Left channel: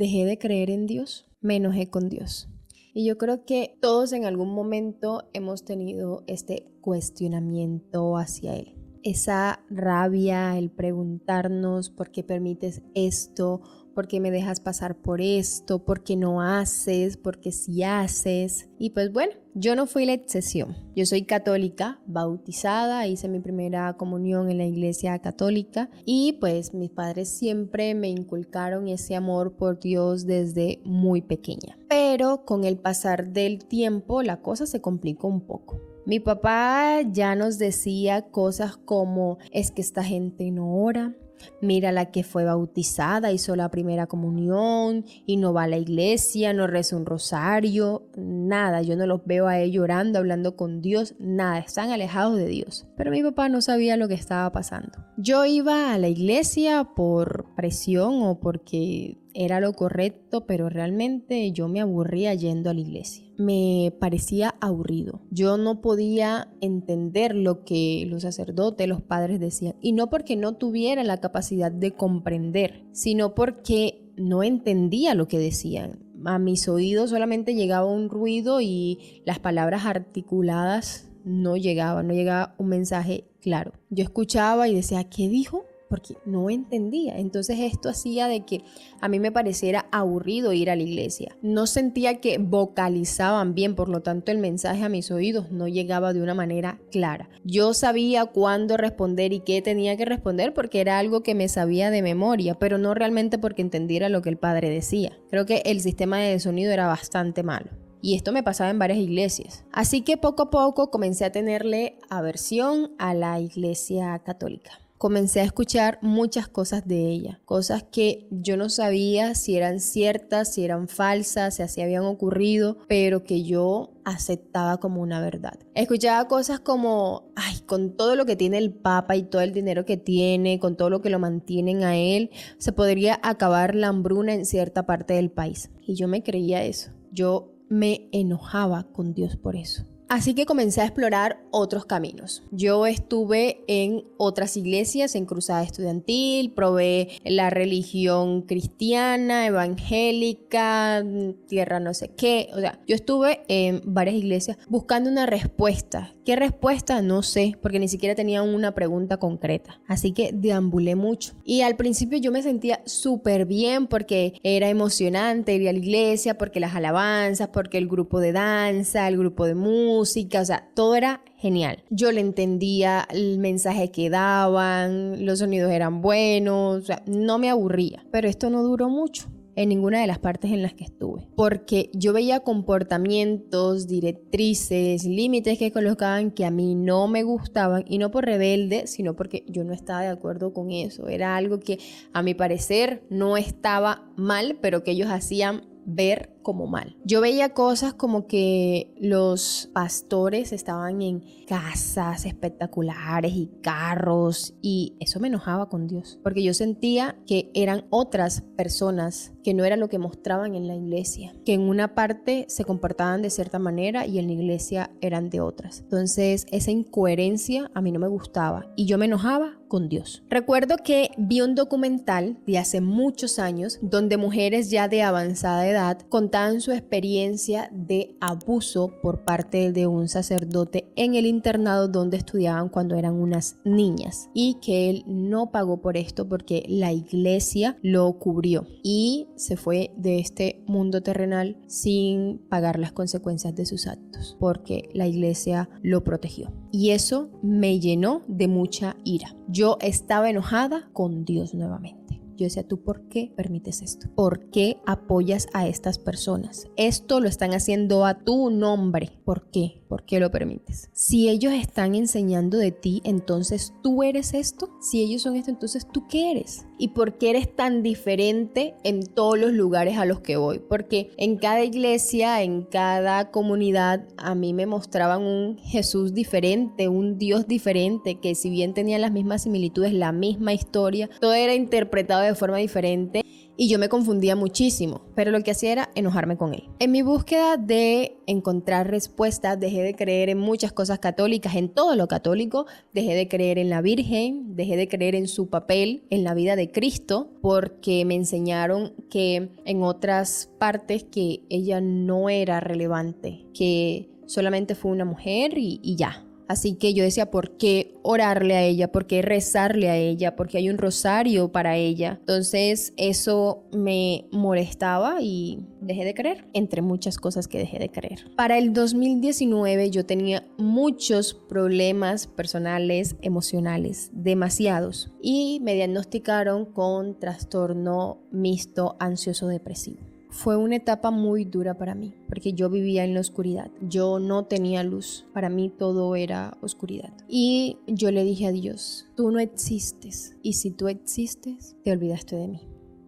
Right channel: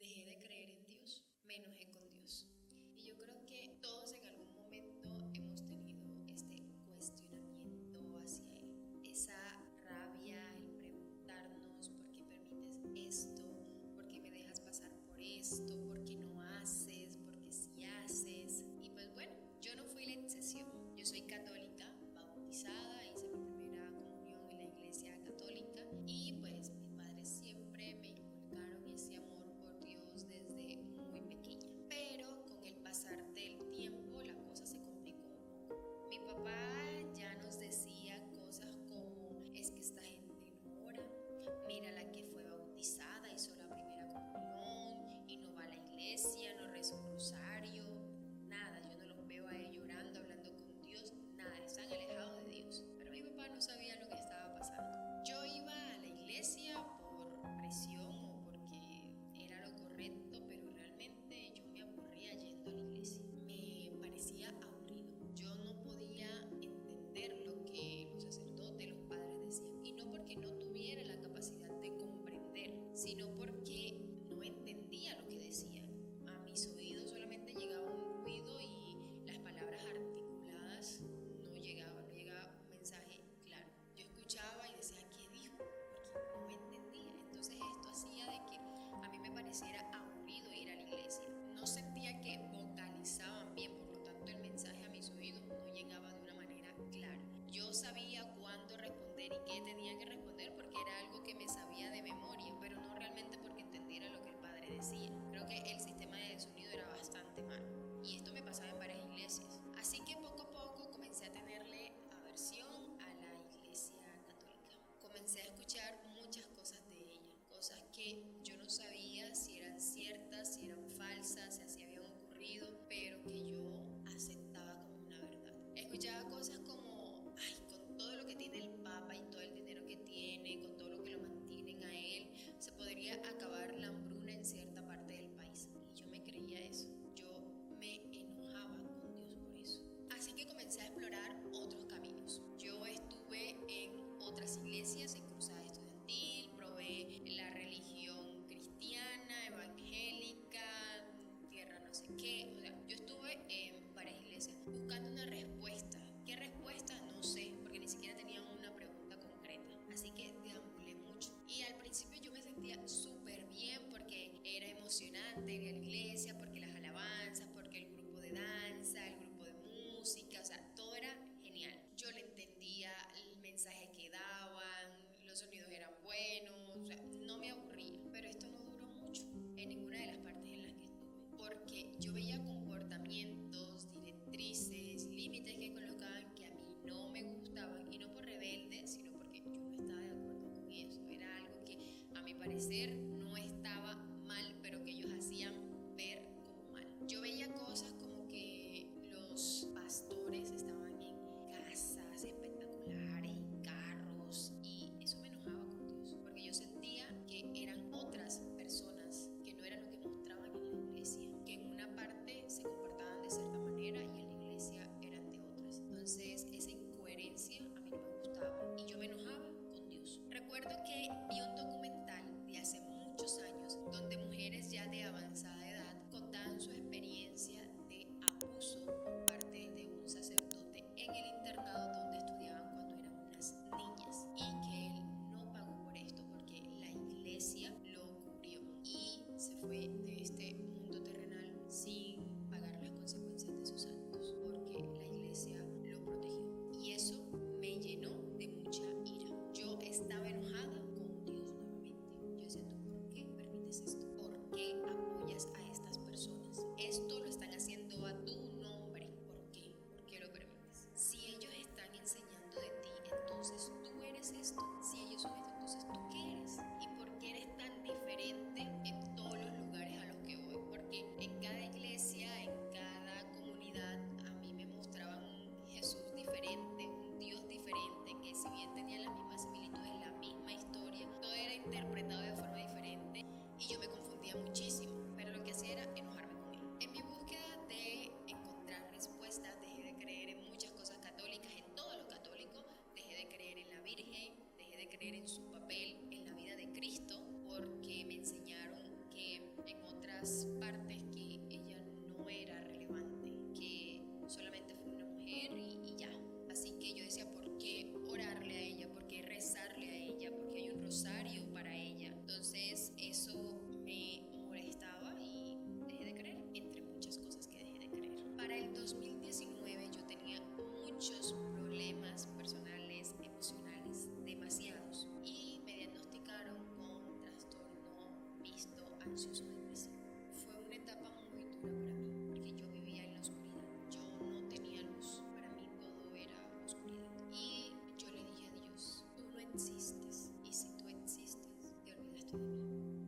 dejé de creer en Dios, me enojé con Dios. Y yo creo que todos en algún momento hemos tenido este cuestionamiento hacia Él. Esa rabia, el preguntarnos por qué permites esto, por qué me dejas pasar por esto, por qué no haces, por qué sí haces. Y pues bueno, yo no fui la excepción. Yo soy católica, bautizada, hice mi primera comunión en la iglesia católica y pues mis padres siempre me inculcaron ese amor por Dios desde muy pequeña. Pero con el pasar del tiempo la cosa se complicó un poco. Mi papá ya nos decía cosas como es que esta gente no ora, mira la que fue bautizada, hizo la primera comunión y no va a la iglesia, no reza un rosario, nada, yo no los veo a ellos orando, hablando con Dios, nada, están alejados de Dios. Pero mi papá no sabía lo que estaba pasando. Yo iba a la iglesia por presión o porque era lo correcto, pero realmente yo me aburría yendo a la iglesia. Me parecía aburrido. Yo no podía entender lo que los sacerdotes, los padres decían. Y no porque no tuviera la capacidad de comprender, sino porque no entendía lo que decían. A mis oídos solamente llegaba un ruido y las palabras articuladas no llegaban un mensaje claro. Yo escuchaba y decía, ¿qué dijo? Porque no entendía. Entonces esto hacía de que a mí me pareciera aburrido ir a la iglesia. No sentía que vocalizaban bien, por lo tanto el mensaje a mis oídos no llegaba de una manera clara. Yo sabía cuándo responder y qué tenía que responder porque era algo que me sabía de memoria, pero no realmente porque entendiera lo que el padre decía. Creo que el sistema de sonido era bastante malo. Y esto me pasaba en varias iglesias. Así que poco a poco comencé a tenerle aversión a la iglesia católica. Comencé a escuchar muchas cosas de ella, cosas que yo no sabía si eran ciertas, si eran falsas, si así habían ocurrido, pero que yo aceptaba como una verdad. Escuchaba cosas como, ay, con todo lo que tiene el Papa y todo el dinero que tiene, con todo lo que lo mantienen a él, se podría acabar la hambruna en cierta parte del país. Y yo me creía eso. Yo me enojaba con Dios por eso. Así que comencé a explorar otros caminos. Yo estuve en otras iglesias, en Cruzada Estudiantil, probé la religión cristiana, evangélica, tierra no sé qué. O sea, yo estuve en varias iglesias buscando una respuesta. ¿Qué respuesta? No sé, porque ni siquiera tenía una pregunta concreta. Así que deambulé mucho. Y al principio yo me sentía súper bien porque era emocionante ir a la iglesia, porque las alabanzas, porque el grupo de danza, el grupo de música, o sea, todo era genial. Yo le entendía el mensaje que daban, los sonidos eran buenos, o sea, no me aburría. Pero esto no duró mucho en ninguna de las partes en las que estuve, porque yo veía comportamientos, directrices, límites que colocaban que a mí no me gustaban, y no por rebelde, sino porque yo no estaba de acuerdo con eso. Era algo que a mi parecer no estaba mal, pero que ellos hacían ver como mal. Yo veía cosas como que los pastores estaban en casas espectaculares y carros, y eso me enojaba con Dios, porque yo sentía que eran otras personas, que no era lo que mostraban en la iglesia, que en una parte se comportaban de cierta manera y en la iglesia eran de otras. Entonces esa incoherencia a mí no me gustaba y yo me enojaba con Dios. Recuerdo que vi un documental de hace muchos años donde mujeres ya de avanzada edad contaban su experiencia de abuso por parte de un sacerdote en el internado donde estudiaban cuando eran unas niñas, y que él no pagó por esto porque la iglesia lo cubrió y se fue de este mundo terrenal sin pagar las consecuencias de sus actos porque la iglesia lo protegió. Y eso me llenó de mucha ira. Yo estaba enojada con Dios nuevamente. Yo decía, ¿tú por qué permites esto? ¿Por qué apoyas a estas personas? Esto lo están haciendo a tu nombre. ¿Por qué? ¿Por qué lo permites? Si ellos están enseñando de ti, entonces tú eres esto. Si ellos son esto, entonces tú qué eres. ¿Y por qué eres tan diferente en todos los lugares a los que voy? Porque en cada iglesia, en cada comunidad, a mí me mostraban un Jesús diferente, un Dios diferente, que si bien tenía las mismas similitudes, la misma historia, todo era interpretado de forma diferente. y yo me confundía muchísimo, pero lo que hacía era enojarme con él. En mi búsqueda de encontrar respuestas, dejé de creer en muchas cosas católicas, en todo lo católico, dejé de creer en la Virgen, dejé de creer en su papel en la vida de Cristo, porque me enseñaron que en otras partes que ella no era relevante, que solamente fue una mujer y ya. Así que yo decía, ¿por qué orarle a ella? ¿Por qué rezarle a ella? Porque hay un rosario para ella. Entonces eso me molestaba y dejé de creer, entre muchas cosas que dejé de creer. Para el 2019 yo tenía muchos problemas personales, emocionales, demasiados. Y me diagnosticaron con trastorno mixto ansioso depresivo. Fue una etapa muy dura para mí, porque yo vivía en la oscuridad. Yo no tenía luz. Para mí todo era oscuridad. Y yo le dije a Dios, tú no existes. Y si tú existes, te olvidaste de mí.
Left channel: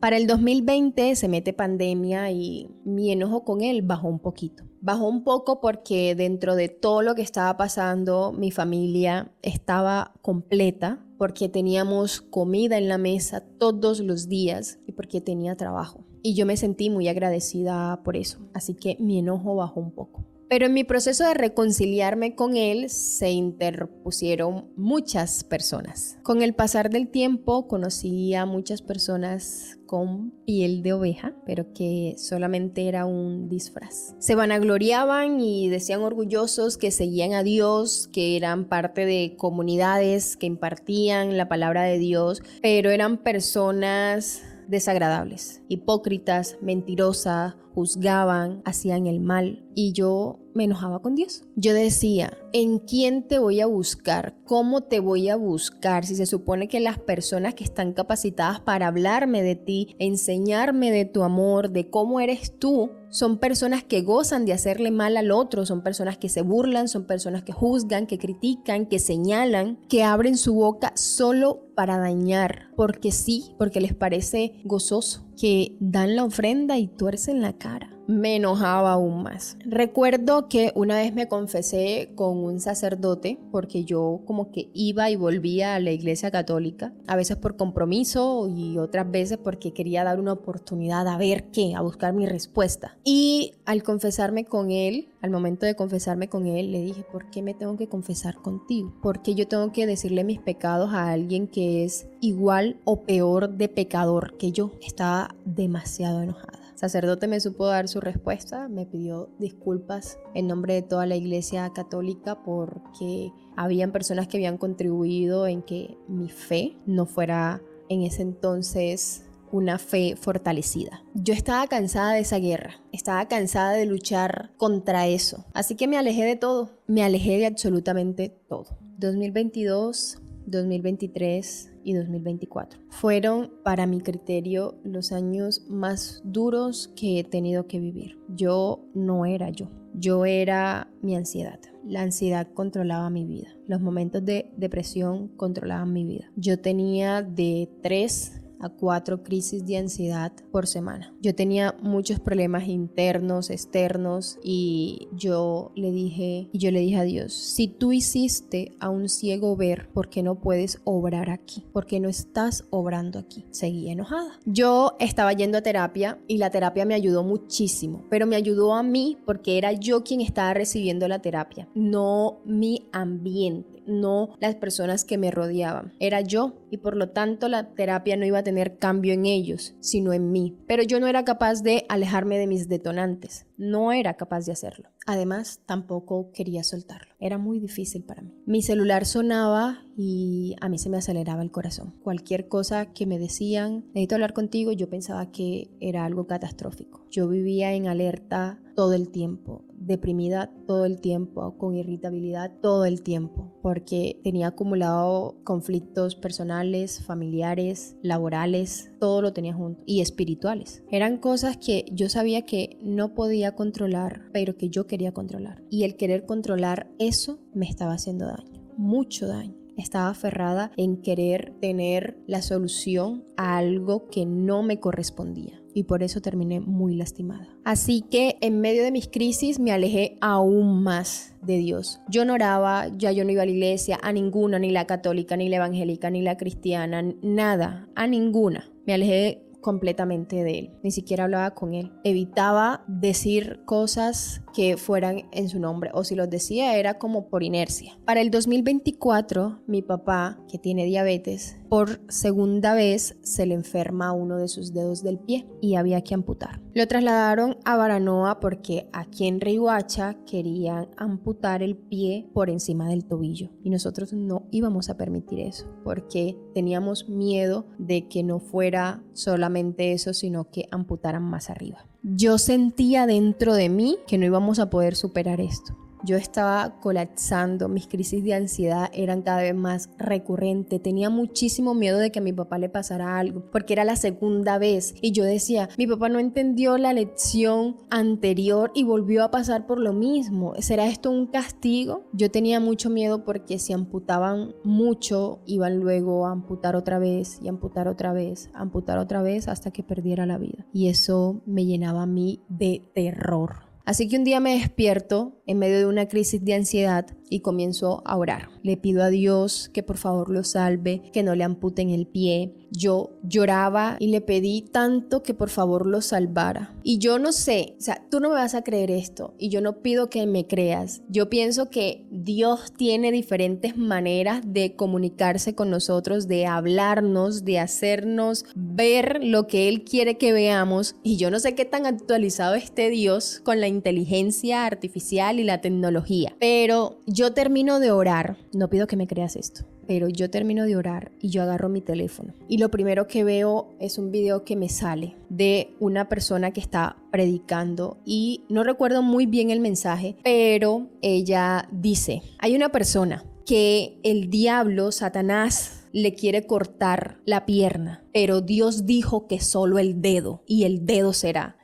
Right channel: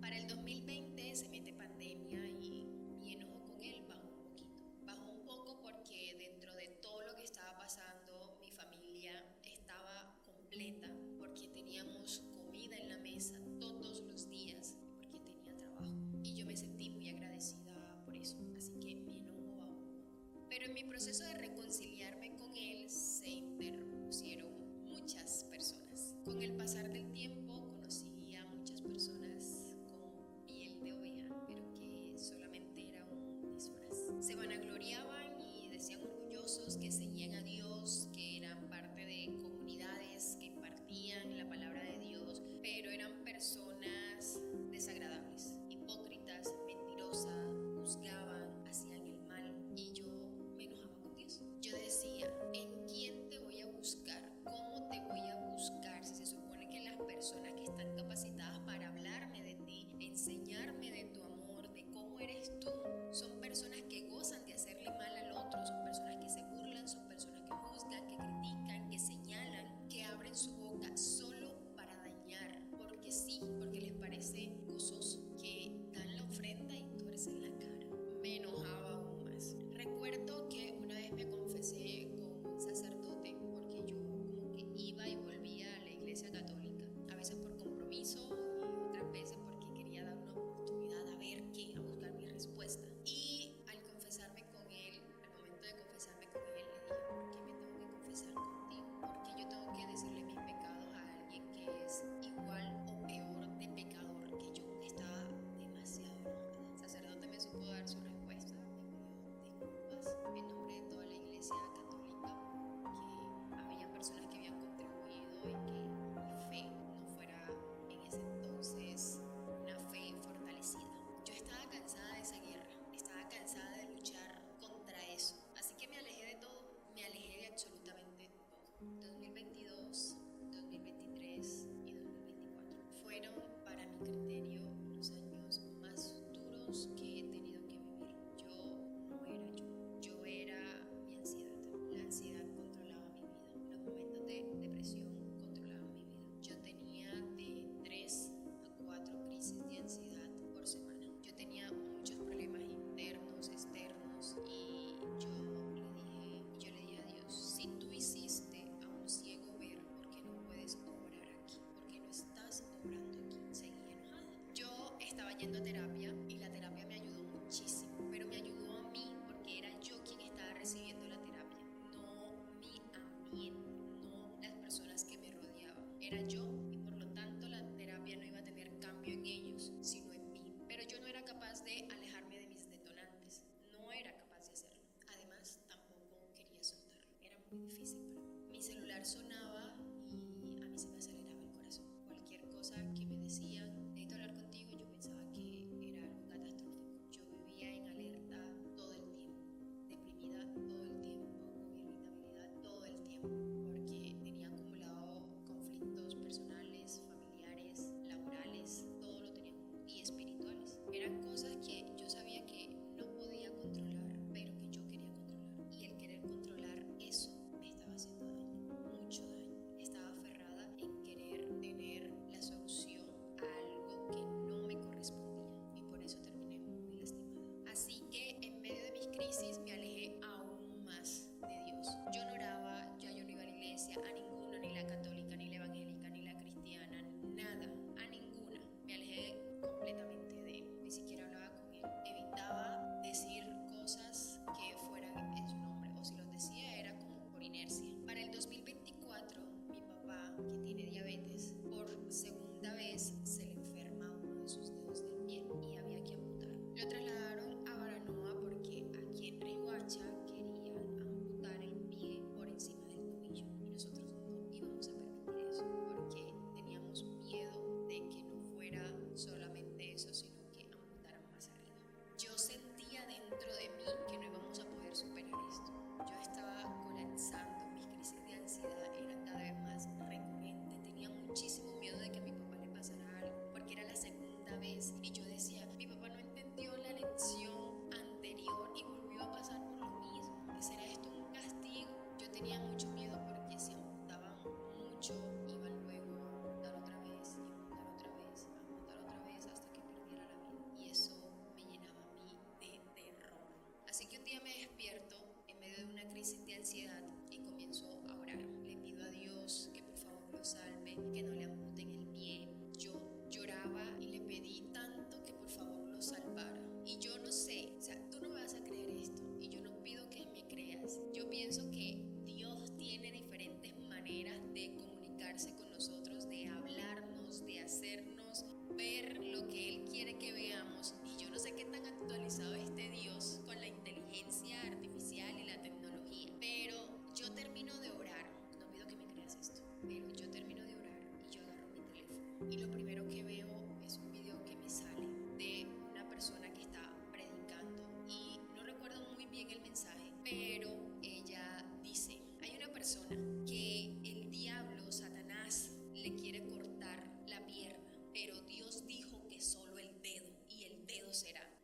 Para el 2020 se mete pandemia y mi enojo con él bajó un poquito. Bajó un poco porque dentro de todo lo que estaba pasando, mi familia estaba completa, porque teníamos comida en la mesa todos los días y porque tenía trabajo. Y yo me sentí muy agradecida por eso, así que mi enojo bajó un poco. Pero en mi proceso de reconciliarme con él se interpusieron muchas personas. Con el pasar del tiempo conocí a muchas personas con piel de oveja, pero que solamente era un disfraz. Se vanagloriaban y decían orgullosos que seguían a Dios, que eran parte de comunidades que impartían la palabra de Dios, pero eran personas desagradables, hipócritas, mentirosas, juzgaban, hacían el mal y yo me enojaba con Dios. Yo decía, ¿en quién te voy a buscar? ¿Cómo te voy a buscar? Si se supone que las personas que están capacitadas para hablarme de ti, enseñarme de tu amor, de cómo eres tú, son personas que gozan de hacerle mal al otro, son personas que se burlan, son personas que juzgan, que critican, que señalan, que abren su boca solo para dañar, porque sí, porque les parece gozoso, que dan la ofrenda y tuercen la cara. Me enojaba aún más. Recuerdo que una vez me confesé con un sacerdote porque yo como que iba y volvía a la iglesia católica, a veces por compromiso y otras veces porque quería dar una oportunidad a ver qué, a buscar mi respuesta. Y al confesarme con él, al momento de confesarme con él, le dije, ¿por qué me tengo que confesar contigo? ¿Por qué yo tengo que decirle mis pecados a alguien que es igual o peor de pecador que yo? Estaba demasiado enojada. El sacerdote me supo dar su respuesta, me pidió disculpas en nombre de toda la iglesia católica porque habían personas que habían contribuido en que mi fe no fuera en ese entonces una fe fortalecida. Yo estaba cansada de esa guerra, estaba cansada de luchar contra eso, así que me alejé de todo, me alejé de absolutamente todo. 2022, 2023 y 2024 fueron, para mi criterio, los años más duros que he tenido que vivir. Yo no era yo era mi ansiedad. La ansiedad controlaba mi vida. Los momentos de depresión controlaban mi vida. Yo tenía de 3 a 4 crisis de ansiedad por semana. Yo tenía muchos problemas internos, externos y yo le dije a Dios, si tú hiciste a un ciego ver, ¿por qué no puedes obrar aquí? ¿Por qué no estás obrando aquí? Seguí enojada. Yo estaba yendo a terapia y la terapia me ayudó muchísimo, pero me ayudó a mí porque era yo quien estaba recibiendo la terapia, no mi ambiente, no las personas que me rodeaban. Era yo y por lo tanto la terapia no iba a tener cambio en ellos, sino en mí. Pero yo no era capaz de alejarme de mis detonantes. No era capaz de hacerlo. Además, tampoco quería soltarlo. Era muy difícil para mí. Mi celular sonaba y a mí se me aceleraba el corazón. Cualquier cosa que me decían, necesito hablar contigo, yo pensaba que era algo catastrófico. Yo vivía en alerta todo el tiempo, deprimida todo el tiempo, con irritabilidad todo el tiempo, porque tenía acumulado conflictos personales, familiares, laborales, todo lo tenía junto, y espirituales. Eran cosas que yo sabía que no podía controlar, pero que yo quería controlar. Y el querer controlar eso me estaba haciendo daño, mucho daño. Estaba aferrada en querer tener la solución a algo que no me correspondía. Y por eso terminé muy lastimada. Así que en medio de mis crisis me alejé aún más de Dios. Yo no oraba, ya yo no iba a la iglesia, a ninguna, ni la católica, ni la evangélica, ni la cristiana, nada, a ninguna. Me alejé completamente de él. Ni siquiera hablaba con él. Evitaba decir cosas que fueran en su nombre, o si los decía era como por inercia. Para el 2024, mi papá, que tiene diabetes, por segunda vez se le enferma uno de sus dedos del pie y había que amputar. Lo trasladaron a Baranoa porque aquí en Riohacha querían amputar el pie por encima del tobillo y nosotros no íbamos a permitir eso porque teníamos miedo de que no fuera solamente eso, sino que amputaran más arriba. Yo sentía dentro de mí que no íbamos a poder superar esto. Yo estaba colapsando, mis crisis de ansiedad eran cada vez más recurrentes, tenía muchísimo miedo de que a mi papá le pasara algo, porque era la segunda vez y yo decía, mi papá no entendió la lección anterior y volvió a pasar por lo mismo, ¿será esto un castigo? Yo tenía mucho miedo porque si amputaban mucho, iban luego a amputar otra vez y amputar otra vez, amputar otra vez hasta que perdiera la vida y eso me llenaba a mí de terror. Así que un día me despierto en medio de una crisis de ansiedad y comienzo a orar. Le pido a Dios que por favor lo salve, que no le amputen el pie. Yo lloraba y le pedí tanto que por favor lo salvara. Y yo no sé, o sea, tú no me vas a creer esto y yo no pido que me creas. Yo pienso que Dios tiene diferentes maneras de comunicarse con nosotros, de hablarnos, de hacernos ver lo que Él quiere que veamos. Y yo no sé qué tan actualizado esté Dios con la inteligencia artificial y la tecnología. Pero yo termino de orar, no pido que me creas esto. Pero yo termino de orar y yo agarro mi teléfono y lo primero que veo es un video que me sale de una persona que está predicando y no recuerdo muy bien el mensaje, pero ella dice, hay una persona que el diablo, Satanás, le quiere cortar la pierna, pero Dios dijo que solo el dedo y el dedo será.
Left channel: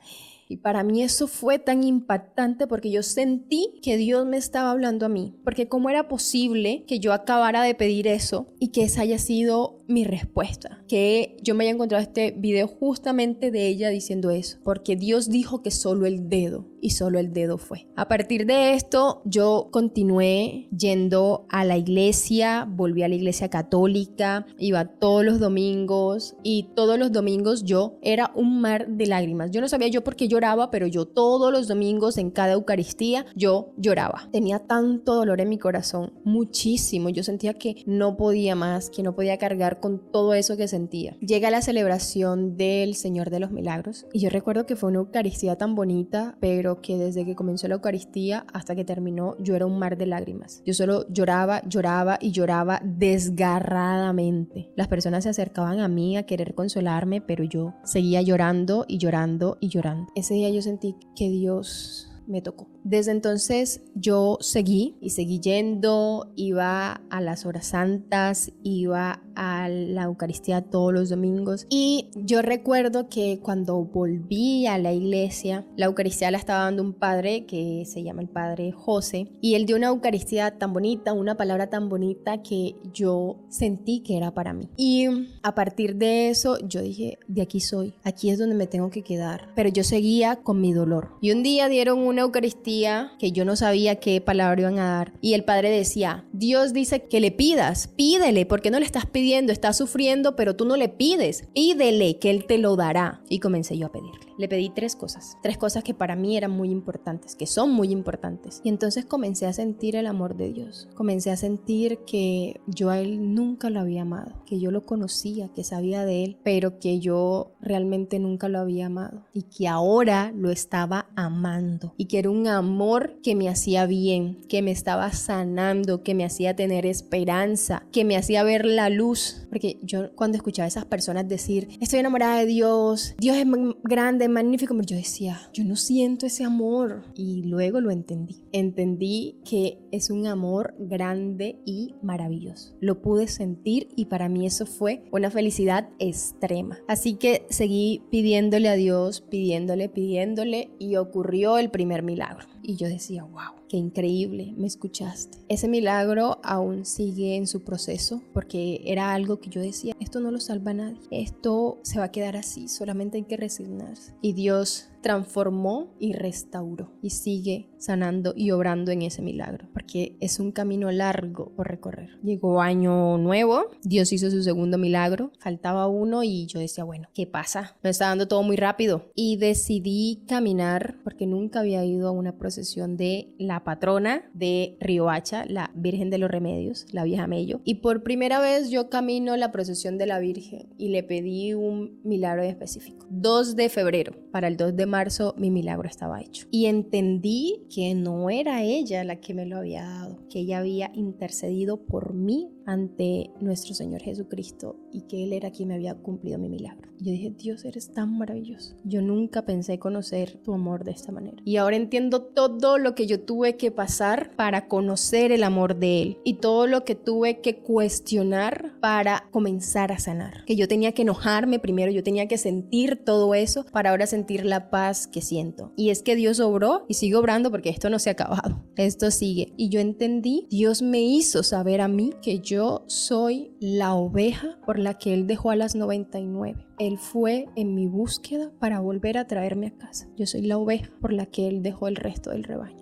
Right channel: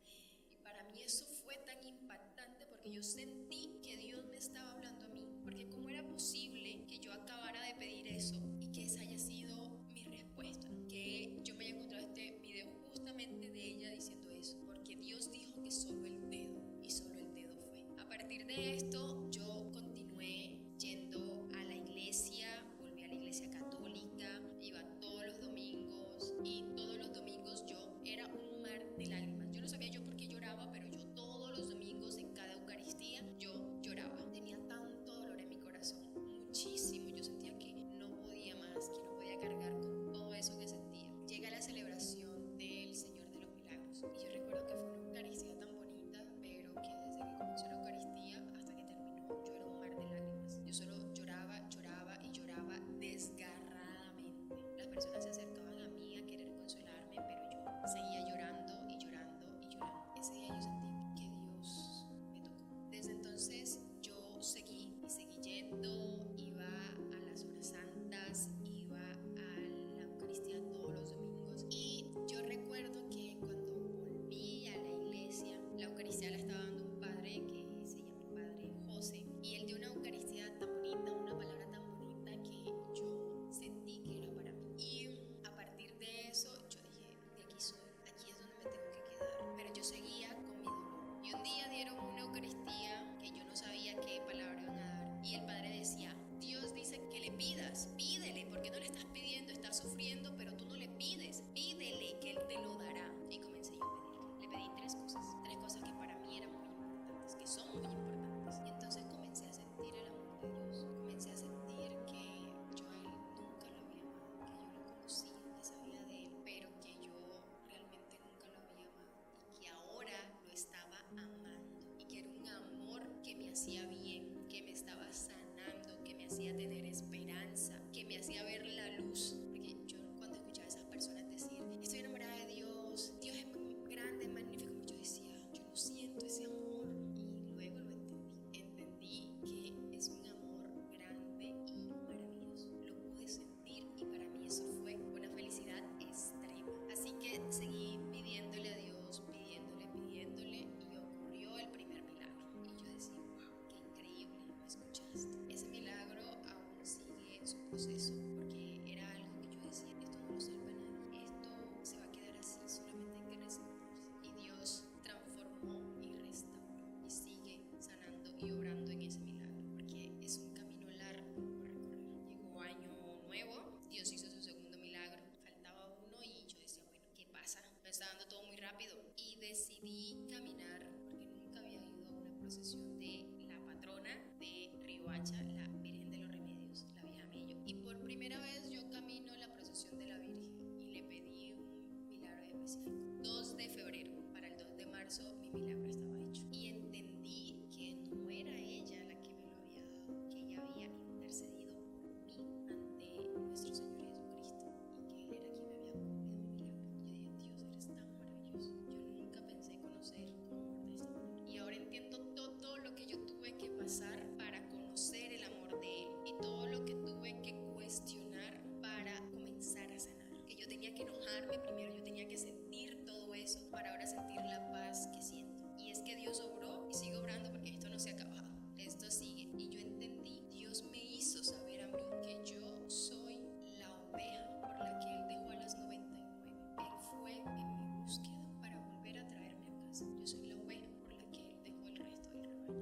Y para mí eso fue tan impactante porque yo sentí que Dios me estaba hablando a mí. Porque cómo era posible que yo acabara de pedir eso y que esa haya sido mi respuesta. Que yo me haya encontrado este video justamente de ella diciendo eso. Porque Dios dijo que solo el dedo y solo el dedo fue. A partir de esto yo continué yendo a la iglesia, volví a la iglesia católica, iba todos los domingos y todos los domingos yo era un mar de lágrimas. Yo no sabía yo por qué lloraba, pero yo todos los domingos en cada Eucaristía yo lloraba. Tenía tanto dolor en mi corazón, muchísimo. Yo sentía que no podía más, que no podía cargar con todo eso que sentía. Llega la celebración del Señor de los Milagros y yo recuerdo que fue una Eucaristía tan bonita, pero que desde que comenzó la Eucaristía hasta que terminó yo era un mar de lágrimas. Yo solo lloraba, lloraba y lloraba desgarradamente. Las personas se acercaban a mí a querer consolarme, pero yo seguía llorando y llorando y llorando. Ese día yo sentí que Dios me tocó. Desde entonces yo seguí yendo, iba a las horas santas, iba a la Eucaristía todos los domingos y yo recuerdo que cuando volví a la iglesia, la Eucaristía la estaba dando un padre que se llama el padre José y él dio una Eucaristía tan bonita, una palabra tan bonita que yo sentí que era para mí. Y a partir de eso yo dije, de aquí soy, aquí es donde me tengo que quedar, pero yo seguía con mi dolor. Y un día dieron una Eucaristía que yo no sabía qué palabra iban a dar y el padre decía, Dios dice que le pidas, pídele, porque no le estás pidiendo, estás sufriendo, pero tú no le pides, pídele que él te lo dará. Y comencé yo a pedirle. Le pedí tres cosas que para mí eran muy importantes, que son muy importantes. Y entonces comencé a sentir el amor de Dios. Comencé a sentir que yo a Él nunca lo había amado, que yo lo conocía, que sabía de Él, pero que yo realmente nunca lo había amado. Y que ahora lo estaba amando. Y que era un amor que me hacía bien, que me estaba sanando, que me hacía tener esperanza, que me hacía ver la luz. Porque yo cuando escuchaba a esas personas decir, estoy enamorada de Dios, Dios es grande, magnífico, yo decía, yo no siento ese amor. Y luego lo entendí. Entendí que es un amor grande y maravilloso. Lo pude sentir y para mí eso fue una felicidad extrema. Así que seguí pidiéndole a Dios, pidiéndole y ocurrió el primer milagro. Y yo decía, wow, qué increíble, me escuchaste. Ese milagro aún sigue en su proceso porque era algo que yo decía, esto no lo salva a nadie, esto se va a quedar así, solamente hay que resignarse. Y Dios transformó y restauró y sigue sanando y obrando en ese milagro, porque es un camino largo por recorrer. Llegó año nuevo, Dios hizo su segundo milagro, faltaba uno y yo decía, bueno, ¿qué pasa? Me está dando todo muy rápido y decidí caminar porque nunca había ido a una procesión de la patrona de Riohacha, la Virgen de los Remedios, la vieja Mello, y por primera vez yo camino la procesión de la Virgen y le pedí un milagro específico. 2 de febrero, para el 2 de marzo mi milagro estaba hecho y entendí que no era ella la que me lo había dado, que ella había intercedido por mí ante nuestro Señor Jesucristo y que Él era quien me había cumplido mi milagro. Yo dije, Dios, eres tan maravilloso. Yo nunca pensé conocer tu amor de esta manera. Y ahora entiendo todo lo que yo tuve que pasar para conocer el amor de Él y todo lo que tuve que cuestionar para comenzar a sanar. Que yo tenía que enojarme primero, yo tenía que sentir todo eso para ahora sentir la paz que siento. Y es que Dios obró y sigue obrando porque esto no se ha acabado. Esto sigue. Y yo entendí, Dios me hizo saber a mí que yo soy la oveja por la que Él dejó a las 99. Él fue en mi búsqueda para volver a traerme a casa. Yo soy la oveja por la que Él dejó el resto del rebaño.